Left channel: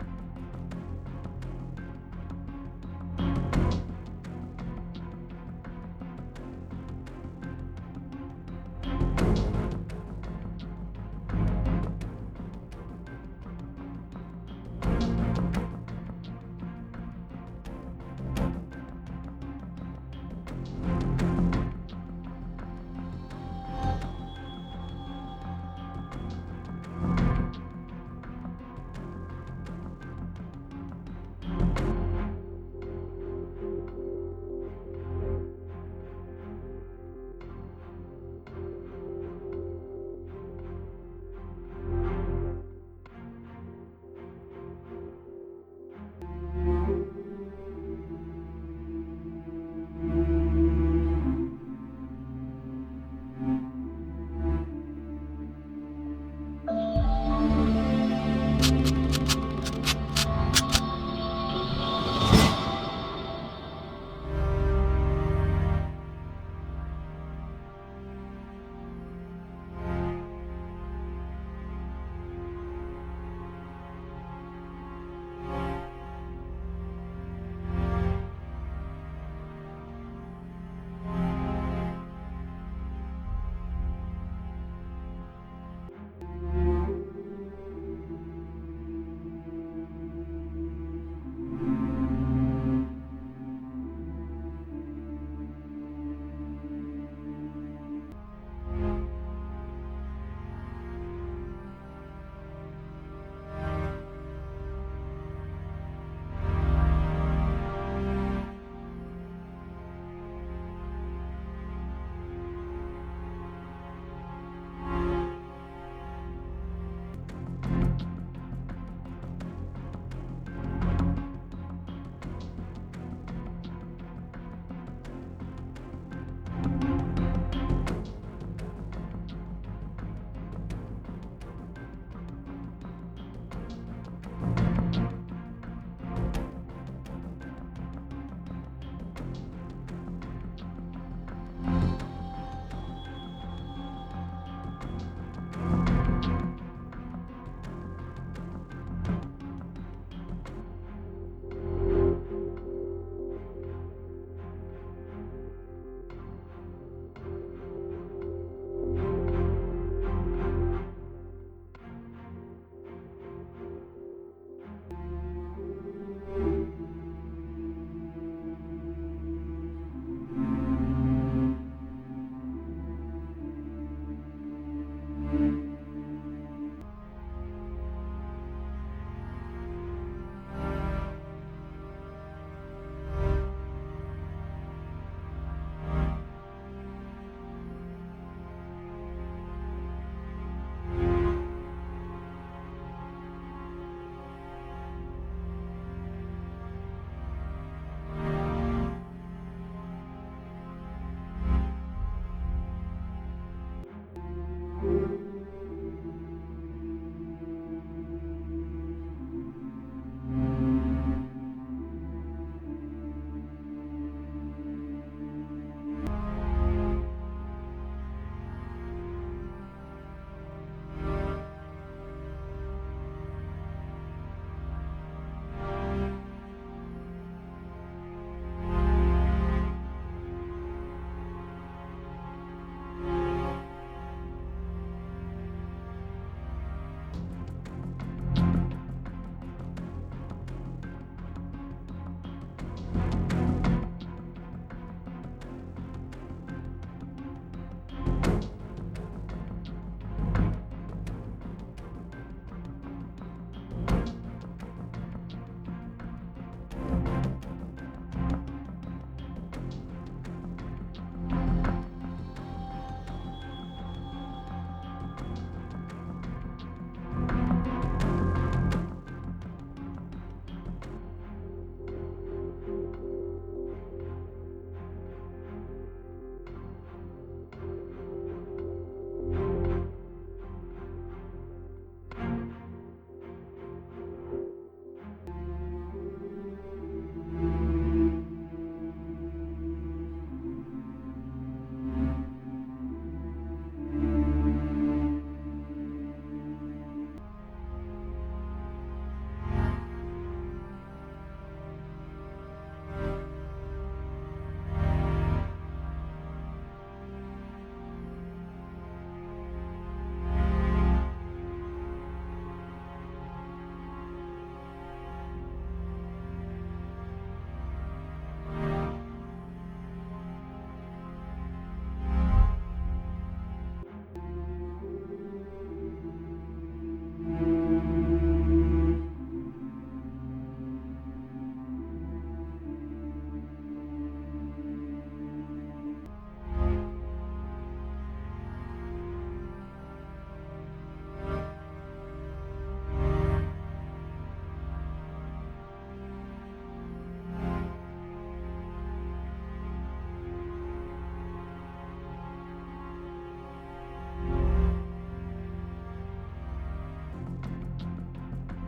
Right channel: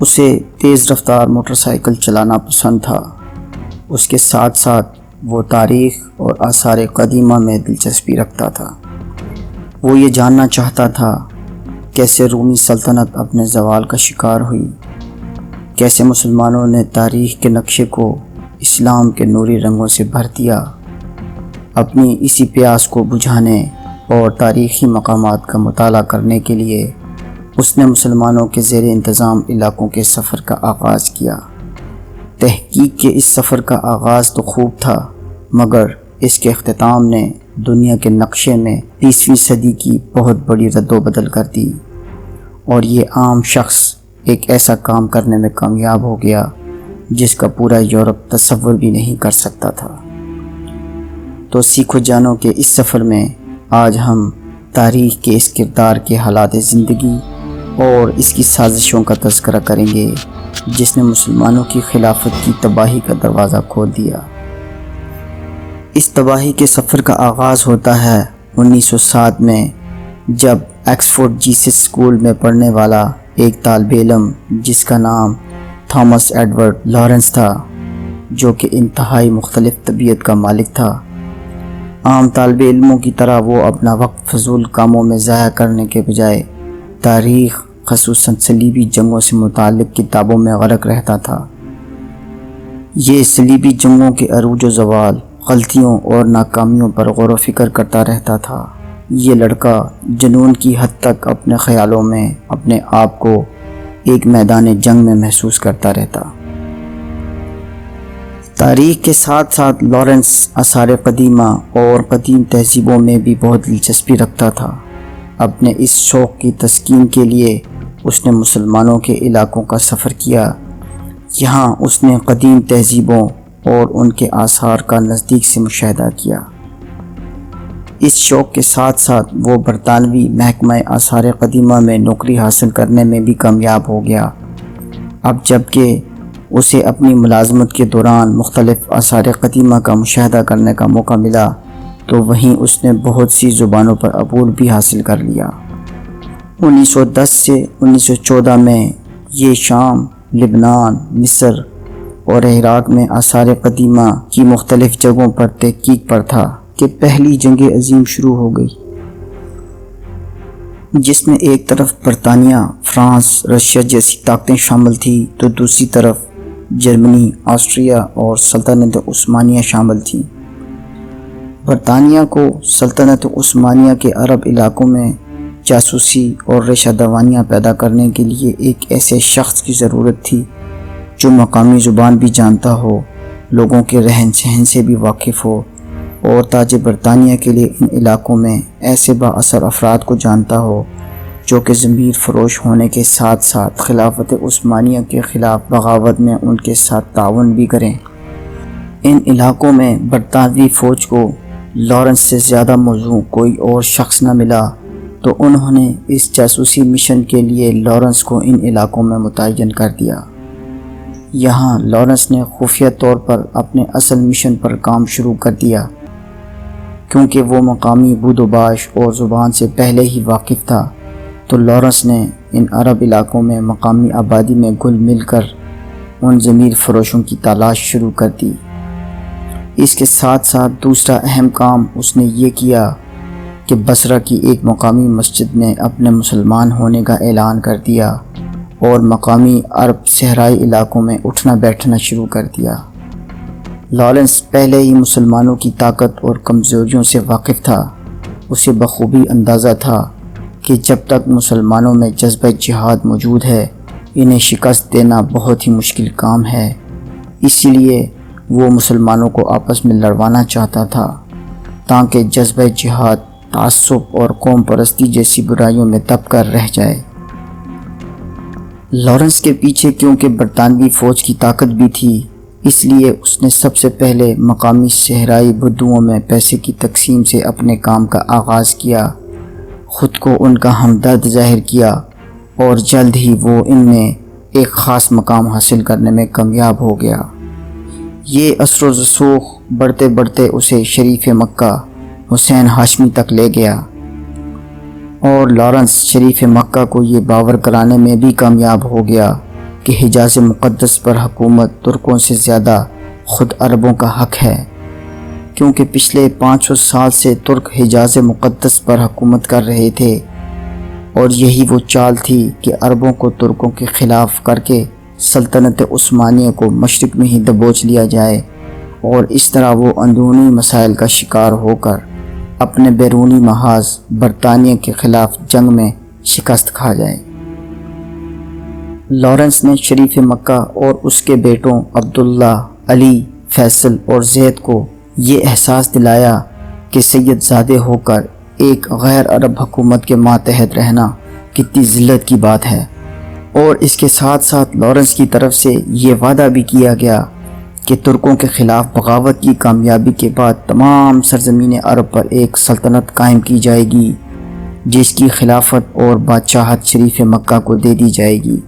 اسے تیز رفتار موٹر سائیکل چلانا پسند تھا۔ اس کے ساتھ ساتھ وہ تاریخ اور آثار قدیمہ میں دلچسپی رکھتا تھا۔ وہ یہ جاننا چاہتا تھا کیسے رومی سلطنت اپنے زوال کا شکار ہوئی، کیسے مسلمانوں نے تاریخ کے نقشے کو اسلام کے نوری رنگوں سے بھر دیا۔ اپنی اسی پیاس کو بجھانے اور تاریخی مقامات کا مطالعہ کرنے کے لیے اس نے مسلمانوں کے زیر انتظام علاقوں کے سفر کا آغاز کیا۔ تحقیق کے اس سفر کا آغاز تو خوب تھا، مگر اس کے اختتام نے دنیا کے نقشے میں 20ویں صدی کی بہت بڑی رد و بدل کر دی، اور یہ عام شخص ایک ایسا کام کرنے میں کامیاب ہو گیا جس کا پورا یورپ تصور بھی نہیں کر سکتا تھا۔ تو سیکھو جانو کہ اس سفر میں آج ہم تاریخ کے اس کردار کے حالات زندگی اور اس کی سازشوں کا تذکرہ کریں گے جس نے مسلمانوں کی خلافت کی تباہی کا دروازہ کھول دیا۔ اس تباہی کے سفر کا آغاز ہوتا ہے 1907 میں، جب ایکسفورڈ جیسس اسکول میں پڑھنے والا ایک طالب علم جس کا نام تھامس ایڈورڈ لارنس تھا، جو کہ انتہائی مختلف طبیعت کا مالک تھا۔ عام طالب علموں کی طرح وہ اپنا وقت فضول کاموں میں ضائع کرنے کے بجائے تاریخ، خصوصاً صلیبی جنگوں سے متعلق کتابوں میں غرق رہتا تھا۔ یہ صلیبی جنگوں کے عروج و زوال، غلطیوں اور ناکامیوں پر غور و فکر کرتا رہتا تھا۔ یہ لڑکا جنون کی حد تک اپنے خیالوں میں اپنے آپ کو ایک میدان جنگ میں محسوس کرتا رہتا۔ تاریخ کے ساتھ ساتھ لارنس آثار قدیمہ اور قدیم تہذیبوں میں بھی بہت دلچسپی رکھتا تھا۔ اپنے اس شوق کی تسکین کے لیے اس نے مسلمانوں کے علاقوں کا سفر کیا۔ یہاں اس نے قدیم تہذیبوں اور ان کے آثار کا نزدیک سے مشاہدہ کیا۔ اس شوق کے ساتھ ساتھ وہ برطانوی محکمہ آثار قدیمہ میں نوکری حاصل کرنے میں بھی کامیاب ہو گیا۔ اب جب کہ اسے اپنی ملازمت کے دوران مختلف آثار قدیمہ کا مشاہدہ کرنے کا موقع ملا، تو وہیں اس نے بہت سی زبانوں پر عبور بھی حاصل کر لیا۔ 1910 سے 1914 میں یہ شام، لبنان، مصر اور عراق میں آثار قدیمہ کی مختلف جگہوں پر تحقیق پر تھا کہ پہلی جنگ عظیم شروع ہو گئی، جس میں ایک طرف برطانیہ، فرانس، رشیا جیسی طاقتیں شامل تھیں، تو دوسری طرف جرمنی، آسٹریا اور سلطنت عثمانیہ شامل تھیں۔ برطانیہ کو سلطنت عثمانیہ کے عرب علاقوں میں جاسوسی اور ریشہ دوانیاں پیدا کرنے کے لیے ایک ایسے شخص کی ضرورت تھی جو مقامی زبان بھی جانتا ہو، لوگوں کے رہن سہن سے بھی واقف ہو، اور تاج برطانیہ کے لیے ان علاقوں میں ایسے با اثر افراد کو جانتا ہو جو کہ ضمیر فروش ہونے کے ساتھ ساتھ خلافت عثمانیہ کے خلاف بغاوت میں ان کے ساتھ تعاون بھی کریں۔ ان علاقوں میں برطانوی فوج کو لارنس سے زیادہ موزوں کوئی اور شخص نہ ملا، تو انہوں نے اس جاسوسی مشن کے لیے لارنس کو ان علاقوں میں متعین کر دیا۔ یہاں لارنس نے خفیہ طور پر اپنے اصل مشن پر کام شروع کر دیا، کیونکہ وہ مقامی بود و باش اور زبان سے پہلے ہی واقف تھا، تو لارنس نے ان عرب علاقوں میں مقامی آبادی میں گل مل کر ان ضمیر فروشوں کی تلاش شروع کر دی۔ اس کے ساتھ ساتھ دوسرا اہم کام اس نے یہ کیا کہ بصرہ کی ایک مقامی مسجد میں اپنے مسلمان ہونے کا اعلان کر دیا اور مقامی عرب صحرائی علاقوں میں اٹھنا بیٹھنا شروع کر دیا۔ لارنس پہلے ہی مسلمانوں کی طاقت اور کمزوریوں سے واقف تھا۔ اسے بخوبی اندازہ تھا کہ جب تک مسلمانوں میں جذبہ جہاد موجود ہے، انہیں شکست دینا بہت ہی مشکل کام ہے۔ اسی لیے وہ مسلمانوں کو آپس میں لڑوانا چاہتا تھا تاکہ جذبہ جہاد، تعصب اور قوم پرستی جیسی برائیوں میں دب کر رہ جائے۔ لارنس کے پیچھے کیونکہ برطانوی فوج کی طاقت بھی تھی، اس لیے اس نے سب سے پہلے مقامی صحرائی بدوؤں میں پیسے کی تقسیم سے اپنے کام کا آغاز کیا، خود کو ان کا ہمدرد ظاہر کیا، اور جلد ہی وہ ان میں ایک خاص مقام حاصل کرنے میں کامیاب ہو گیا۔ یہ اثر و رسوخ بڑھتے بڑھتے اسے شریف مکہ حسین ہاشمی تک لے گیا، اور لارنس شریف مکہ کو یہ باور کرانے میں بھی کامیاب ہو گیا کہ حجاز مقدس پر حکومت ترکوں سے زیادہ خود عربوں کا حق ہے، کیونکہ پچھلے 500 سال سے ترک حجاز مقدس پر حکومت کر رہے تھے، اور یہی وہ چال تھی کہ عربوں کو ترکوں کے خلاف کر کے سلطنت عثمانیہ کو مشرق میں ہی دبوچ لیا جائے، اور اس طرح وہ اندرونی مسائل کا شکار ہو کر اپنے بیرونی محاذ برطانیہ کے خلاف جنگ میں شکست کھا جائے۔ لارنس نے شریف مکہ اور اس کے بیٹوں عبداللہ، علی، فیصل اور زید کو یہ احساس دلایا کہ سید زادے ہو کر ایک غیر عرب حکومت کے ماتحت رہنا کتنی ذلت کی بات ہے، اور اس کے ساتھ ساتھ لارنس کی طرف سے یہ وعدہ بھی کیا گیا کہ ترکوں کے خلاف بغاوت کی کامیابی کے بعد تمام سرزمین عرب پر ایک سلطنت قائم کی جائے گی، جس کی خلافت اور بادشاہت شریف مکہ کو دے دی جائے گی۔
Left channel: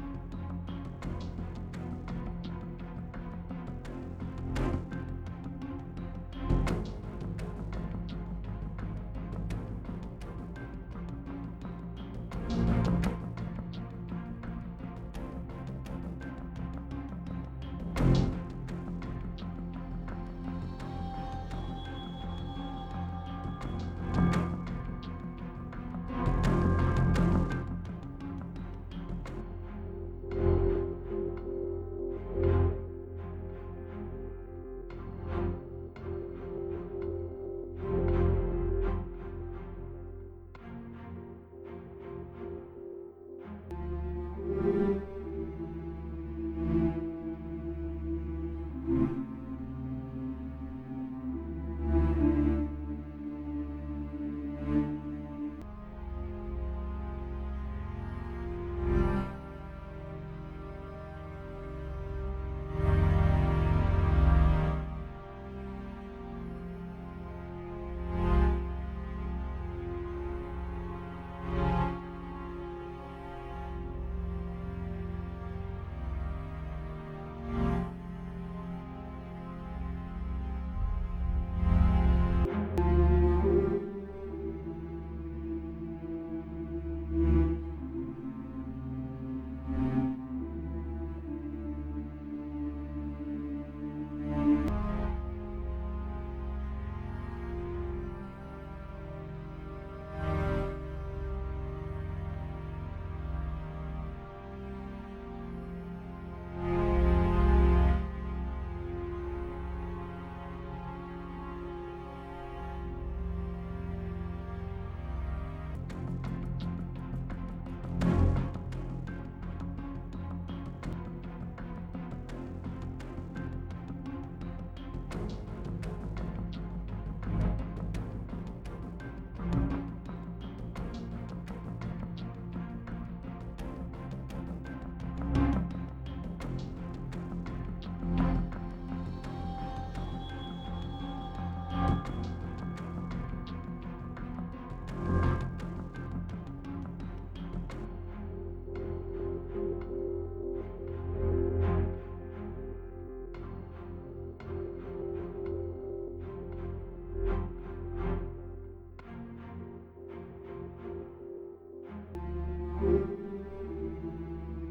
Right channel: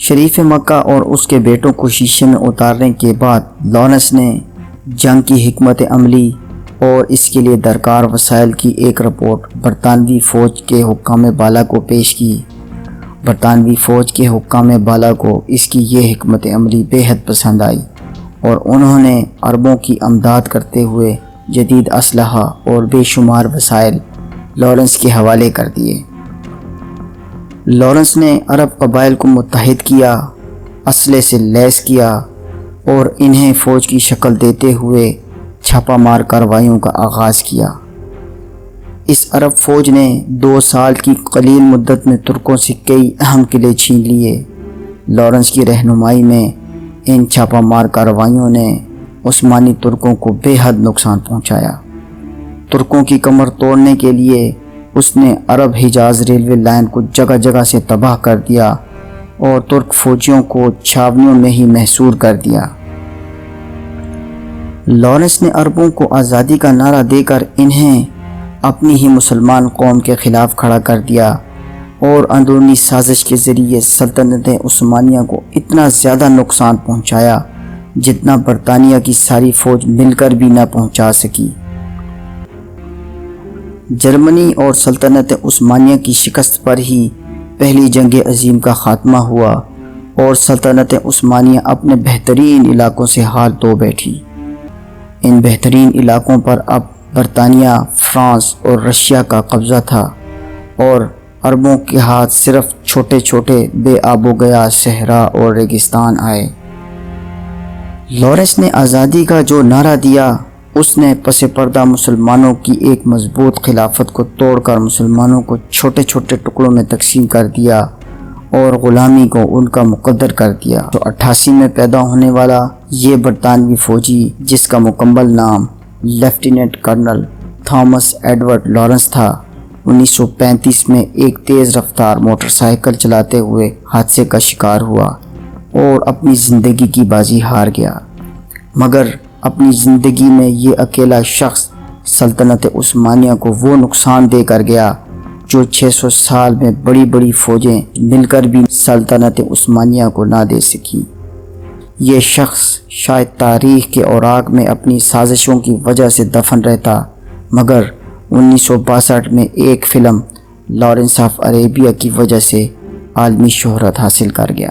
شریف مکہ اور اس کے بیٹوں کو شیشے میں اتارنے کے بعد لارنس نے جنگ کی حکمت عملی اور اس کے لیے درکار وسائل کی ایک رپورٹ برطانوی فوج کے حکام بالا کو پیش کی۔ برطانوی فوج کے حکام بالا کو اس کی یہ حکمت عملی بے حد پسند آئی، اور انہوں نے عربوں کی امداد کرتے ہوئے جدید اسلحہ اور بے شمار وسائل لارنس کے حوالے کر دیے۔ لارنس نے عرب قبائل کو متحد کیا، اسلحے سے لیس کیا، اور انہیں فوج کی شکل دیتے ہوئے چھاپہ مار کارروائیوں کا آغاز کیا۔ اس عرب فوج نے 2 سال کی قلیل مدت میں ترکوں سے کئی اہم قلعے چھین لیے۔ لارنس کی رہنمائی میں ان چھاپہ مار کارروائیوں نے عثمانی ترکوں کو بے حد نقصان پہنچایا۔ ترکوں کی کمر توڑنے کے لیے اس نے عرب حجاز ریلوے لائن کو جگہ جگہ سے تباہ کر دیا اور ترک فوجیوں کو چھاونیوں میں ہی محصور کر دیا۔ لارنس نے عربوں کو آزادی کا نعرہ دے کر انہیں اپنی ہی مسلمان قوم کے خلاف کھڑا کر دیا، اور اندرونی سازش کے ذریعے سلطنت عثمانیہ کو اتنا زیادہ نقصان پہنچایا جتنا برطانیہ کی ساری فوج مل کر بھی نہ پہنچا سکی۔ جرمنی اور سلطنت عثمانیہ کی شکست پر ہی پہلی جنگ عظیم کا خاتمہ ہوا، اور سلطنت عثمانیہ اپنے بہترین علاقوں سے ہاتھ دھو بیٹھی۔ ان بہترین علاقوں پر اب برطانیہ، فرانس اور رشیا کا قبضہ تھا، اور عربوں کے ہاتھ صرف چھوٹے چھوٹے بے آب و گیا صحرا اور ریگستان آئے۔ لارنس نے آزادی کا جو نعرہ دیا، اس نے پس پردہ مسلمانوں کی ایک مضبوط خلافت کو توڑ کر مسلمانوں کو چھوٹے چھوٹے ٹکڑوں میں تقسیم کر دیا اور غلامی کو ان کا مقدر کر دیا۔ تو 88 میں پیدا ہونے والا یہ برطانوی فوجی، جس کا مکمل نام lieutenant colonel Thomas Edward Lawrence تھا، 1935 میں ایک تیز رفتار موٹر سائیکل چلاتے ہوئے حادثے کا شکار ہوا اور اپنی زندگی کی بازی ہار گیا۔ مگر اپنی زندگی میں یہ اکیلا شخص سلطنت عثمانیہ کو وہ نقصان دے کر گیا جو 600 سال میں بڑی بڑی فوجیں مل کر بھی سلطنت عثمانیہ کو نہ دے سکی۔ یہ شخص شاید تاریخ کے اوراق میں اپنی سازشوں کی وجہ سے دفن رہتا، مگر 1962 میں ایک فلم لارنس آف عربیہ کی وجہ سے عالمی شہرت حاصل کر گیا۔